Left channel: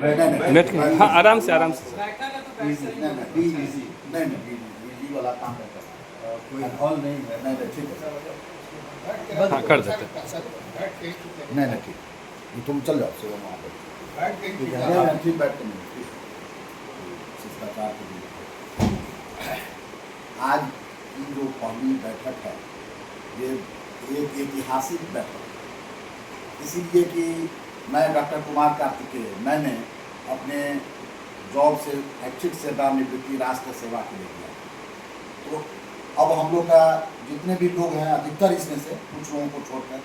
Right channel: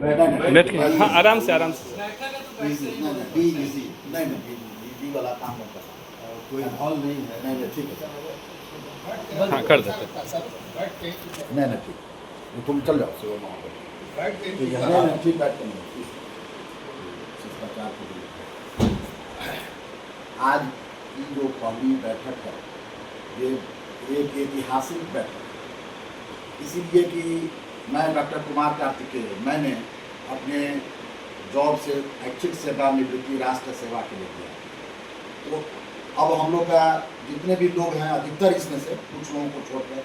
बैठ के, हाँ आराम से आराम से। नहीं वाला काम नहीं करना, कोई हॉल नहीं है। नहीं ठीक है, हाँ कर देते। नहीं ठीक, तुम चल जाओ सेवा वहाँ पर, ठीक है। नहीं ठीक, बैठ कर नहीं शिष्टाचार के लिए। आज की जो पहली बैठक है ये एक ऐतिहासिक बैठक, इसीलिए कि मैं डॉक्टर कुमार कार्तिकेय, मैंने अपने जॉब से ऐच्छिक सेवा निवृत्ति राष्ट्र सेवा के लिए किया। तो अब हम लोग का जितने भी लोग हैं, अधिकतर इसमें से कुछ लोगों को छोड़कर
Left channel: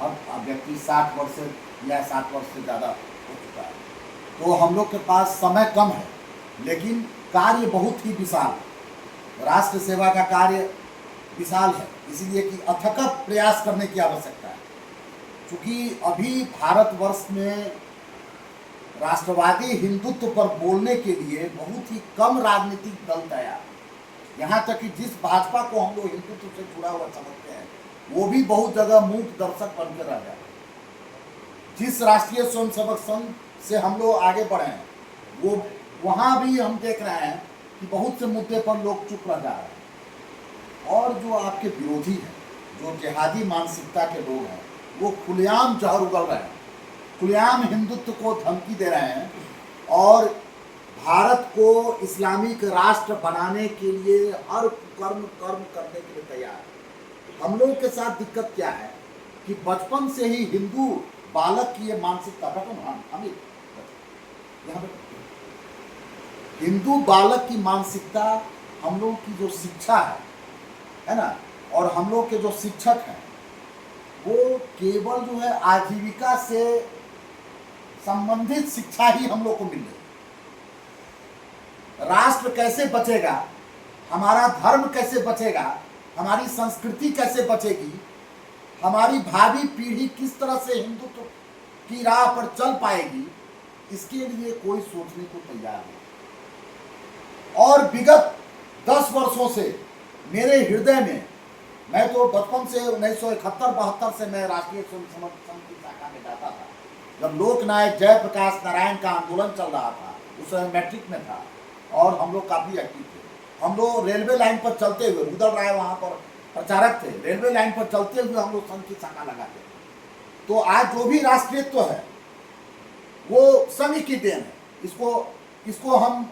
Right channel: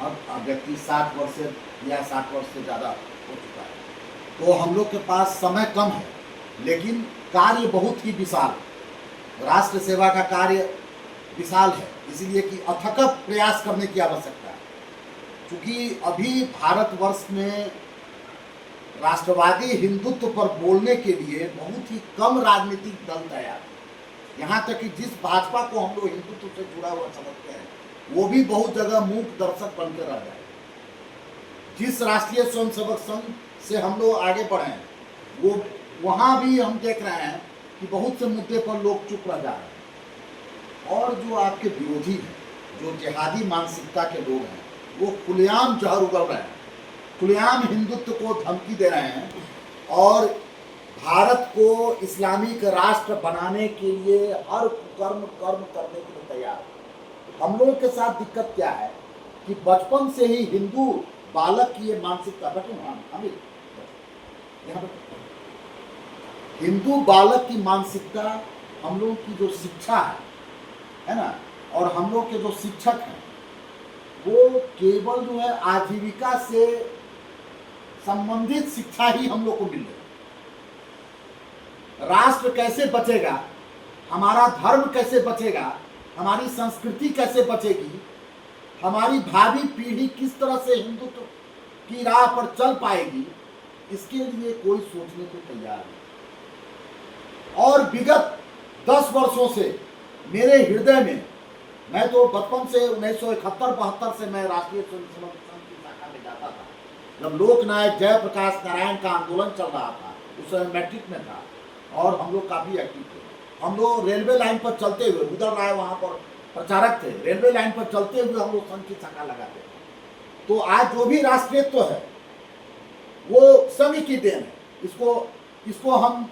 अब व्यक्ति 60 वर्ष से या 60 वर्ष से ज़्यादा हो चुका है। तो हम लोग के पास समय कम है, लेकिन कार्य बहुत ही विशाल, राष्ट्र सेवा का कार्य विशाल है, इसीलिए कि अथक प्रयास करने की आवश्यकता है। क्योंकि अभी भारतवर्ष में राष्ट्रवादी हिंदुत्व पर बोलने के लिए बहुत ही कम राजनीतिक दल तैयार है। यहाँ तक कि जिस भाजपा को हम लोग हिंदुत्व से जुड़ा हुआ समझते हैं, वो भी बहुत जगह मूक दर्शक बनकर रह गया। जिस राष्ट्रीय स्वयंसेवक संघ से हम लोग आगे बढ़े हैं, वो वहाँ भी हम देख रहे हैं कि बहुत से मुद्दे पर लोग चुप रह जा रहे हैं। और जो आपके विरोधी हैं, जो जिहादी मानसिकता के लोग हैं, वो खुलेआम जहर उगल रहे हैं, खुलेआम हिंदुत्व को धमकी दे रहे हैं और भारत को इस्लामिक राष्ट्र बनाने के लिए हर कर्म करने के लिए तैयार है। हम लोगों के साथ दिक्कत क्या है कि बचपन से ही हिंदू बालक की ये मानसिकता, हिंदू बालक की मानसिकता, हम लोग की जो शिक्षा है ना, और हम लोग के जो शिक्षक हैं, वो केवल जो है आजीविका से संबंधित शिक्षा ही हम लोग को मिल रही है। राष्ट्र कैसे बचेगा, हमारा धर्म कैसे बचेगा, हमारी संस्कृति कैसे बचेगी, हमारी भावी पीढ़ी किस तरह से हिंदुत्व की राह पर चल पाएगी, इसके लिए कोई सोचने को तैयार नहीं। और विगत 10 वर्षों से मेरे हृदय में, मैं तो बचपन से 1971-72 से मैं राष्ट्रीय स्वयंसेवक संघ की शाखा में जाता था। जब लोकनायक जयप्रकाश नारायण का आंदोलन चल रहा था, उस समय मैट्रिक में था और हम लोग काफ़ी एक्टिव थे। हम लोग रेलवे लाइन पर चलते हुए, उदल राय वहाँ पर प्रचारक थे, रेलवे लाइन पर चलते हुए हम लोग संघ की शाखा लगाते थे। तो आज जो भी राष्ट्रीयत्व है वो संघ की देन है, इसको हम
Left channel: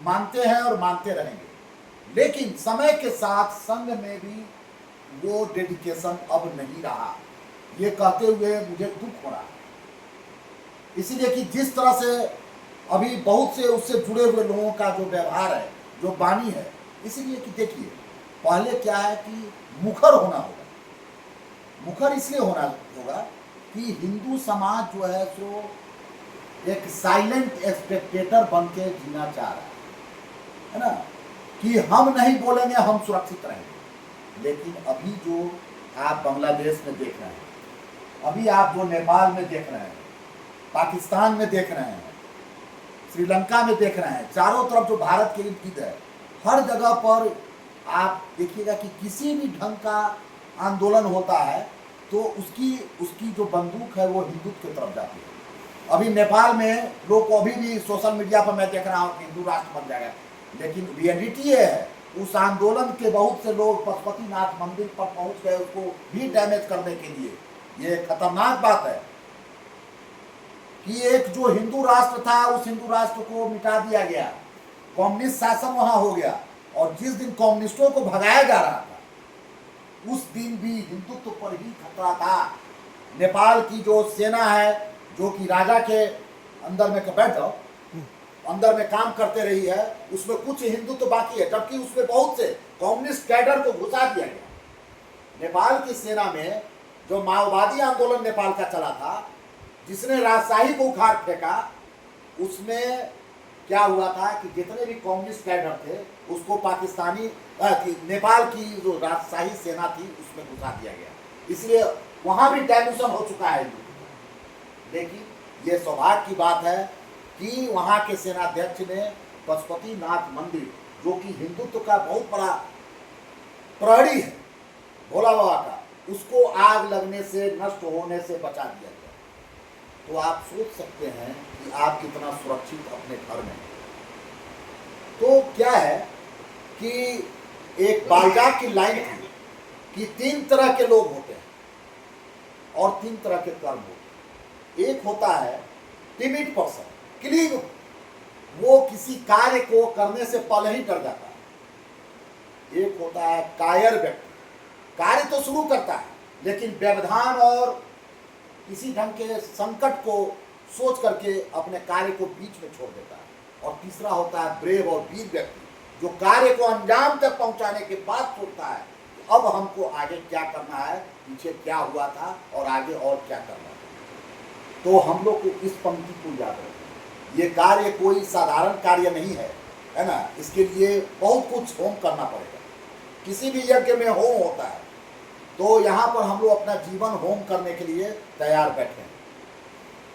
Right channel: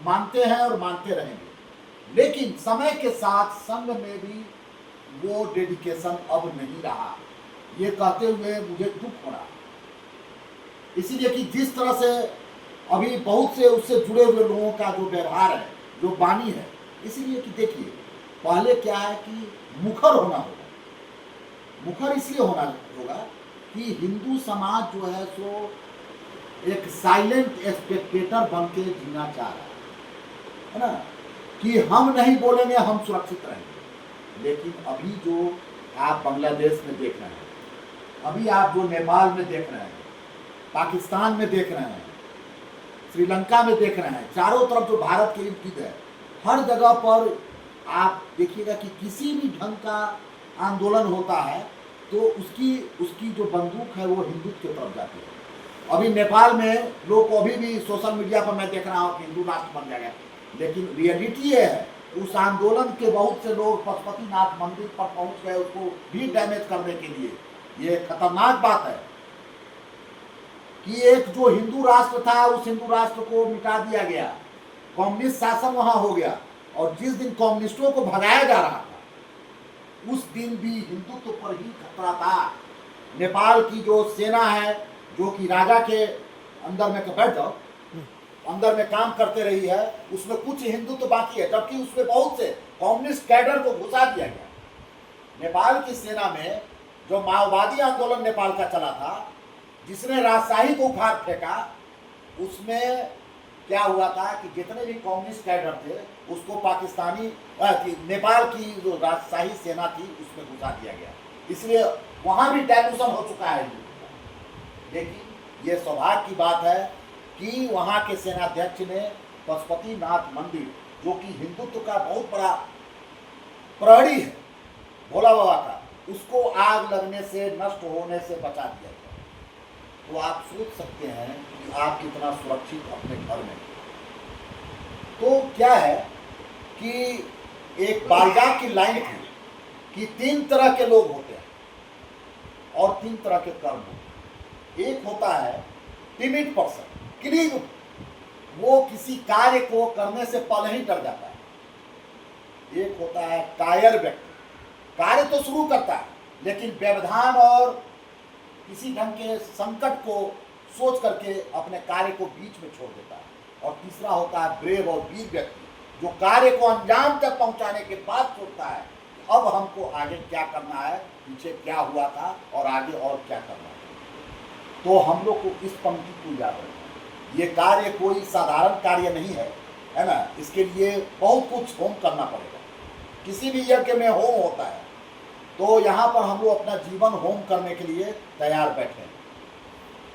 मानते हैं और मानते रहेंगे। लेकिन समय के साथ संघ में भी वो डेडिकेशन अब नहीं रहा, ये कहते हुए मुझे दुख हो रहा है। इसीलिए कि जिस तरह से अभी बहुत से उससे जुड़े हुए लोगों का जो व्यवहार है, जो वाणी है, इसीलिए कि देखिए, पहले क्या है कि मुखर होना होगा। मुखर इसलिए होना होगा कि हिंदू समाज जो है सो एक साइलेंट स्पेक्टेटर बन के जीना चाह रहा है ना, कि हम नहीं बोलेंगे, हम सुरक्षित रहेंगे। लेकिन अभी जो आप बांग्लादेश में देख रहे हैं, अभी आप जो नेपाल में देख रहे हैं, पाकिस्तान में देख रहे हैं, श्रीलंका में देख रहे हैं, चारों तरफ जो भारत के इर्द गिर्द है, हर जगह पर आप देखिएगा कि किसी भी ढंग का आंदोलन होता है तो उसकी जो बंदूक है वो हिंदुत्व की तरफ जाती है। अभी नेपाल में लोग को अभी भी सोशल मीडिया पर मैं देख रहा हूँ कि हिंदू राष्ट्र बन जाएगा, लेकिन रियलिटी ये है उस आंदोलन के बहुत से लोग पशुपतिनाथ मंदिर पर पहुंच गए उसको भी डैमेज करने के लिए। ये खतरनाक बात है कि एक जो हिंदू राष्ट्र था उस हिंदू राष्ट्र को मिटा दिया गया, कम्युनिस्ट शासन वहां हो गया, और जिस दिन कम्युनिस्टों को भगाया जा रहा था उस दिन भी हिंदुत्व पर ही खतरा था। नेपाल की जो सेना है, जो कि राजा के अंदर में बैठ जाओ, अंदर में काम करते रही है, उसमें कुछ हिंदुत्व तो बाकी है, जबकि उसमें बहुत से कम्युनिस्ट कैडर को घुसा दिया गया। नेपाल की सेना में जो माओवादी आंदोलन नेपाल का चला था, जिसने राजशाही को उखाड़ फेंका, उसमें क्या हुआ था कि जितने भी कम्युनिस्ट कैडर थे उसको पाकिस्तानी नेपाल की जो राजशाही सेना थी उसमें घुसा दिया गया। इसलिए वहां भी डायल्यूशन हो चुका है। लेकिन ये सौभाग्य की बात है कि वहाँ के सेनाध्यक्ष ने पशुपतिनाथ मंदिर, जो कि हिंदुत्व का बहुत बड़ा प्रहरी है भोला बाबा का, उसको आग लगने से, नष्ट होने से बचा दिया गया। तो आप सोच सकते हैं कि आप कितना सुरक्षित अपने घर में हैं। तो क्या है कि एक बारगाह की लाइन थी कि 3 तरह के लोग होते हैं और 3 तरह के कर्म होते हैं। एक होता है टिमिड पर्सन, क्लीग, वो किसी कार्य को करने से पहले ही डर जाता है। एक होता है कायर व्यक्ति, कार्य तो शुरू करता है लेकिन व्यवधान और किसी ढंग के संकट को सोच करके अपने कार्य को बीच में छोड़ देता है। और तीसरा होता है ब्रेव और वीर व्यक्ति, जो कार्य को अंजाम तक पहुंचाने के बाद सोचता है कि अब हमको आगे क्या करना है, पीछे क्या हुआ था और आगे और क्या करना है। तो हम लोग को इस पंक्ति को याद रखना, ये कार्य कोई साधारण कार्य नहीं है ना। इसके लिए बहुत कुछ होम करना पड़ेगा। किसी भी यज्ञ में होम होता है, तो यहाँ पर हम लोग अपना जीवन होम करने के लिए तैयार बैठे हैं।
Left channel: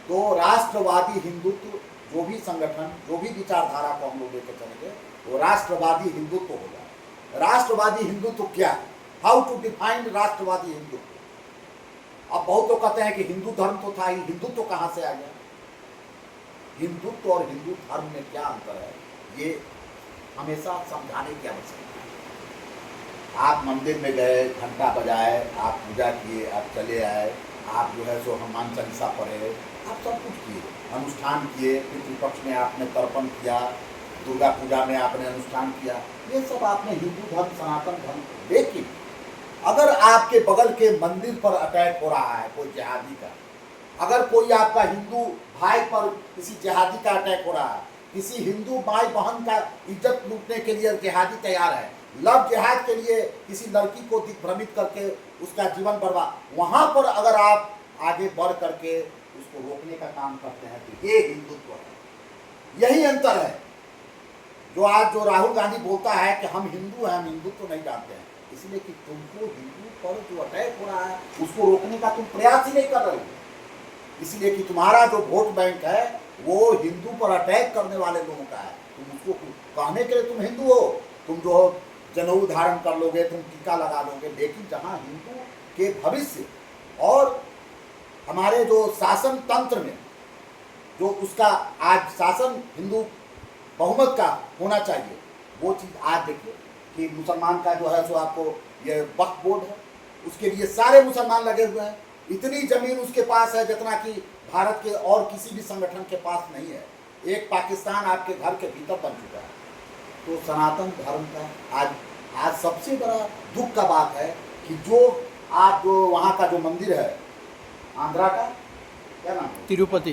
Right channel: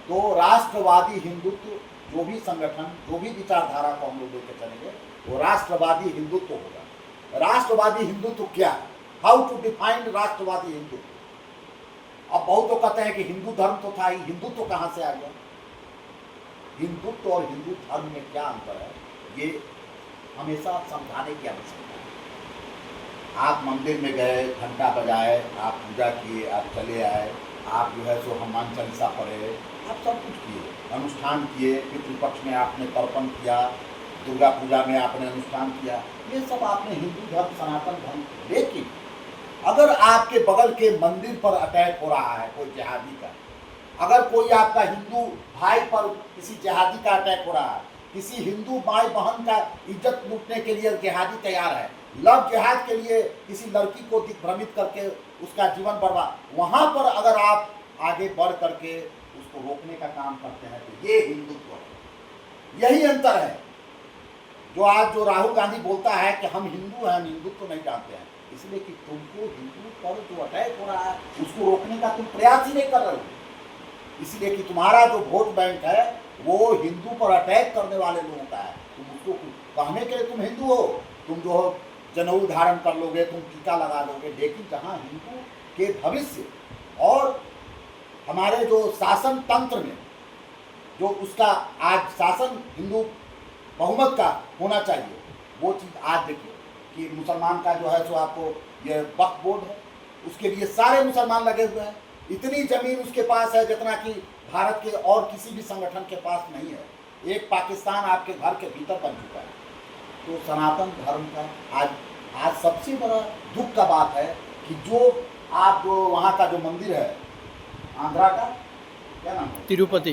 तो राष्ट्रवादी हिंदुत्व, जो भी संगठन, जो भी विचारधारा को हम लोग लेकर चलेंगे, वो राष्ट्रवादी हिंदुत्व होगा। राष्ट्रवादी हिंदुत्व क्या है? हाउ टू डिफाइन राष्ट्रवादी हिंदुत्व? अब बहुत लोग कहते हैं कि हिंदू धर्म तो था ही, हिंदुत्व कहाँ से आ गया? हिंदुत्व और हिंदू धर्म में क्या अंतर है, ये हमेशा समझाने की आवश्यकता है। आप मंदिर में गए, घंटा बजाए, आप पूजा किए, आप चले आए, आप जो है सो हनुमान चालीसा पढ़े, आप सब कुछ किए, अनुष्ठान किए, पितृपक्ष में आपने तर्पण किया, दुर्गा पूजा में आपने अनुष्ठान किया, ये सब आपने हिंदू धर्म, सनातन धर्म। लेकिन अगर आपके बगल के मंदिर पर अटैक हो रहा है कोई जिहादी का, अगर कोई आपका हिंदू भाई पर किसी जिहादी का अटैक हो रहा है, किसी हिंदू भाई बहन का इज्जत लूटने के लिए जिहादी तैयार है, लव जिहाद के लिए किसी लड़की को दिग्भ्रमित करके उसका जीवन बर्बाद, वहां पर अगर आप आगे बढ़ करके उसको रोकने का काम करते हैं, तो ये हिंदुत्व है। यही अंतर है। जो आज जो राहुल गांधी बोलता है कि हम हिंदू हैं, हम हिंदुत्व नहीं जानते हैं, इसलिए कि तुमको हिंदू पर जो अटैक हो रहा है उसको रोकने का तुम प्रयास ही नहीं कर रहे हो। इसलिए कि तुम्हारा जो वोट बैंक है वो हिंदू पर अटैक करने वाले लोगों का है। तुम उसको कहने के लिए तुम हिंदू हो, तुम जो जनेऊ धारण कर लोगे, तुम टीका लगा लोगे, लेकिन जहाँ हिंदू के भविष्य और हमारे जो शासन तंत्र में जो उसका आज शासन हिंदू बहुमत का होना चाहिए, वो चीज़ आज देखिए कि मुसलमान का जो है सो आपको ये वक्फ बोर्ड है, उसके लिए सारे मुसलमान लगे हुए हैं। इतनी जमीन उसके पास है जितना कि भारत के और किसी भी संगठन के पास नहीं है। एक पाकिस्तान आपके घर के भीतर बन चुका है। तो सनातन धर्म का आज सबसे बड़ा दुख का बात है कि जो आप जो वहाँ का जो मंदिर है, आंध्रा का क्या नाम है, तिरुपति,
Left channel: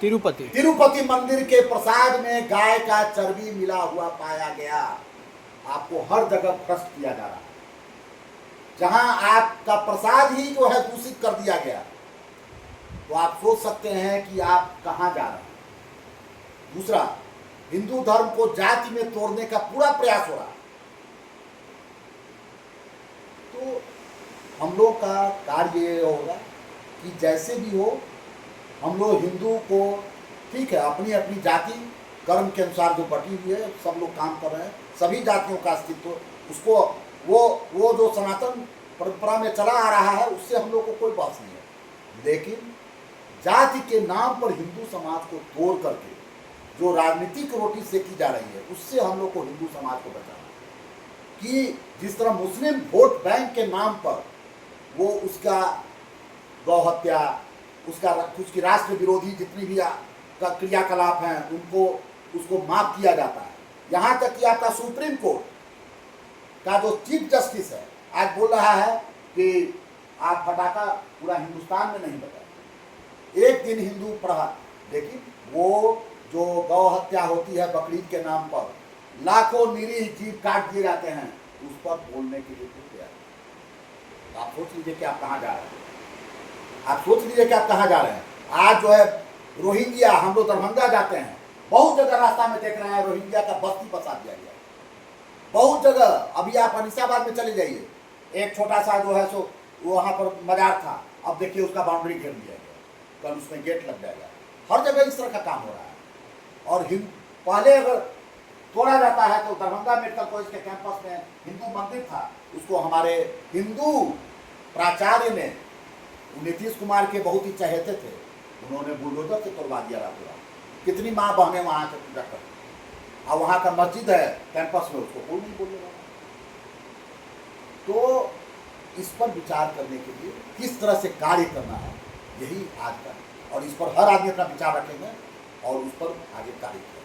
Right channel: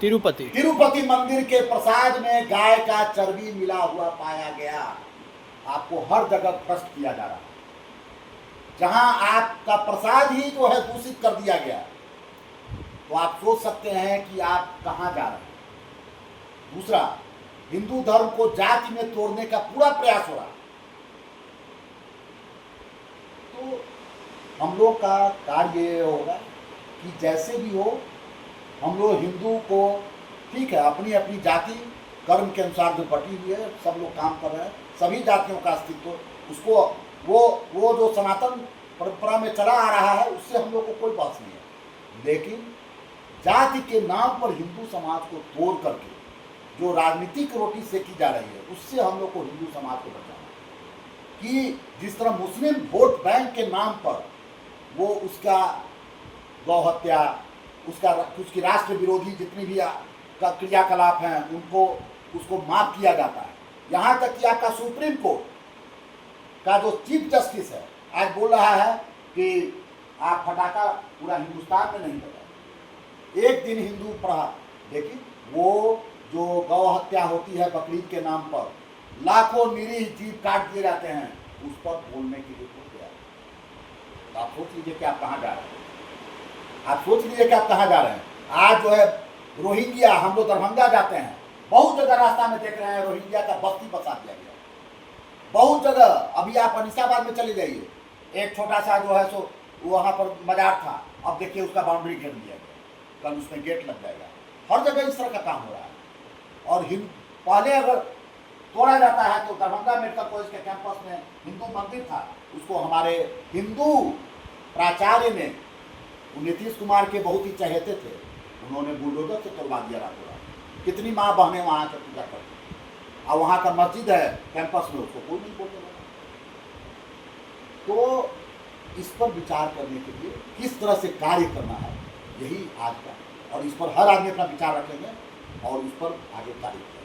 तिरुपति तिरुपति मंदिर के प्रसाद में गाय का चर्बी मिला हुआ पाया गया। आपको हर जगह भ्रष्ट किया जा रहा है, जहां आपका प्रसाद ही जो है दूषित कर दिया गया। तो आप सोच सकते हैं कि आप कहां जा रहे हैं। दूसरा, हिंदू धर्म को जाति में तोड़ने का पूरा प्रयास हो रहा है। तो हम लोग का कार्य ये होगा कि जैसे भी हो, हम लोग हिंदू को, ठीक है, अपनी अपनी जाति कर्म के अनुसार जो बटी हुई है, सब लोग काम कर रहे हैं, सभी जातियों का अस्तित्व, उसको वो जो सनातन परंपरा में चला आ रहा है, उससे हम लोग को कोई बात नहीं है। लेकिन जाति के नाम पर हिंदू समाज को तोड़ करके जो राजनीतिक रोटी सेकी जा रही है, उससे हम लोग को हिंदू समाज को बचाना कि जिस तरह मुस्लिम वोट बैंक के नाम पर वो उसका गौ हत्या, उसकी राष्ट्र विरोधी जितनी भी क्रियाकलाप हैं उनको उसको माफ किया जाता है। यहाँ तक कि आपका सुप्रीम कोर्ट का जो चीफ जस्टिस है आज बोल रहा है कि आप फटाका पूरा हिंदुस्तान में नहीं बजाए, एक दिन हिंदू पढ़ा। लेकिन वो जो गौ हत्या होती है बकरीद के नाम पर, लाखों निरीह जीव काट दिए जाते हैं, उस पर बोलने के लिए तो तैयार। तो आप सोच लीजिए कि आप कहाँ जा रहे हैं। आप सोच लीजिए कि आप कहाँ जा रहे हैं। आज जो है रोहिंग्या, हम लोग दरभंगा जाते हैं, बहुत जगह रास्ता में देख रहे हैं रोहिंग्या का बस्ती बसा दिया गया, बहुत जगह। अभी आप अनिसाबाद में चले जाइए, एक छोटा सा जो है सो वहाँ पर मजार था, अब देखिए उसका बाउंड्री घेर दिया गया, कल उसमें गेट लग जाएगा। हर जगह इस तरह का काम हो रहा है। और पहले अगर तोड़ा जाता है तो दरभंगा मेडिकल कॉलेज के कैंपस में हिंदू मंदिर था, उसको हमारे हिंदू प्राचार्य ने, नीतीश कुमार के बहुत ही चहेते थे, उन्होंने बुलडोजर से तोड़वा दिया रातों रात। कितनी माँ बहनें वहाँ के पूजा करती, और वहाँ का मस्जिद है कैंपस में, उसको कोई नहीं बोलने वाला। तो इस पर विचार करने के लिए किस तरह से कार्य करना है, यही आज का, और इस पर हर आदमी अपना विचार रखेंगे और उस पर आगे कार्य करेंगे।